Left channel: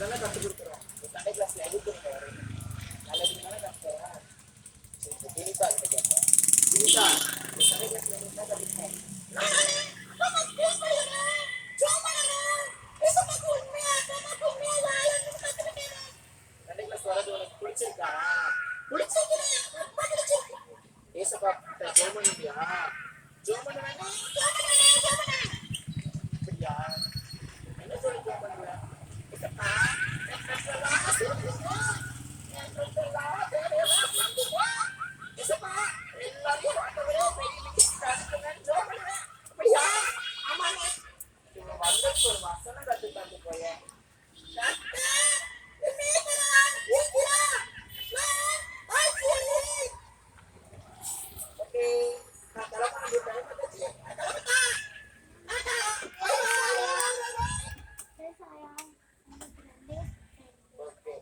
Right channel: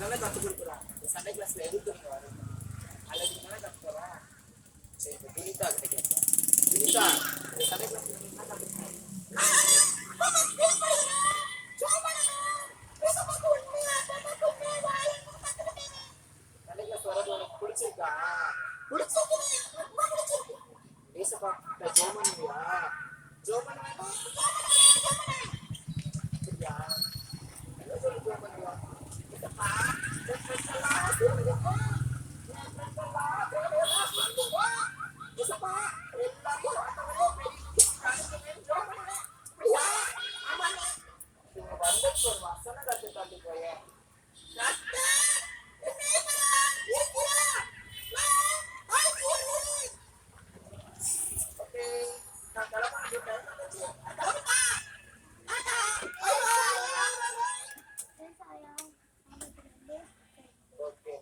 இதெல்லாம் கற்றுக் கொடுக்குறோம். சண்டே கிளாஸ்ல எதுக்கு நீங்க வரீங்க? நல்லதுக்கு தானே கற்றுக்கிறோம். சரி, இப்போ வினிதா கிட்ட கேட்போம். வினிதா, இந்த சண்டே கிளாஸ்ல நீங்க என்ன கற்றுக்கிறோம்? சண்டே கிளாஸ் வர்றது உனக்கு பிடிச்சிருக்கா? ஏசப்பா ஜெபம் பண்ணுவியா? ஜெபம் பண்ண வேண்டாம். அப்படியா? என்ன சொல்லி ஜெபம் பண்ணுவியா? ஏசப்பா ஏசப்பா எல்லாரும் ஆண்டவரே பெரிய ஜெபம் பண்ணுவேன். அப்படியா? ஆமாண்ணே. இவங்க வந்ததுக்கு ஒரு வசனம் கத்து தந்து போயேன். ஓகே, நான் கிளம்பணும். டைம் வந்துச்சு. ஓகே,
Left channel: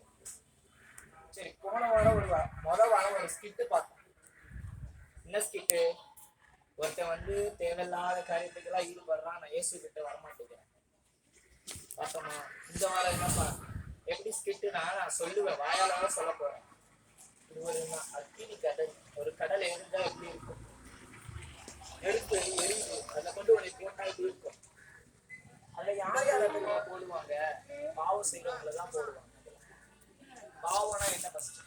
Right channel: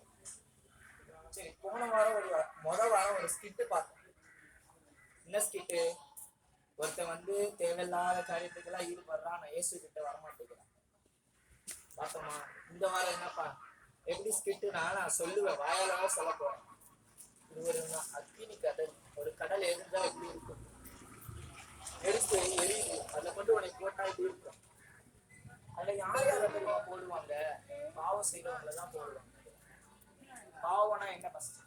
சரி. போன வாரம் மொதல் வாரம் ஒரு ஸ்கிட்டு பார்த்தோம். என்ன ஸ்கிட்டு? ஒருத்தன் வந்து தேவையில்லாத காரியத்துக்கெல்லாம் ஈடுபடுறான். நான் இயேசு கிட்ட வரமாட்டேங்கிறேன். பார்த்தோமா? இந்த வாரம் என்னப்பா எப்படி ஸ்கிட்டுனா நான் சொல்லுவேன், வாயால சொல்ல போறேன். இது ஒரு அக்கினி கடல். ஒரு கடல் எரிஞ்சா எப்படி இருக்கும்? நெருப்பு எரியுது, அதுல கொண்டு உன்னை போட்டா எப்படி இருக்கும்? அதுல யார் யாரை போடுவாங்க? பாவம் செய்யறவங்களதான் போடுவாங்க. பாவம்னா என்ன? ஃபர்ஸ்ட்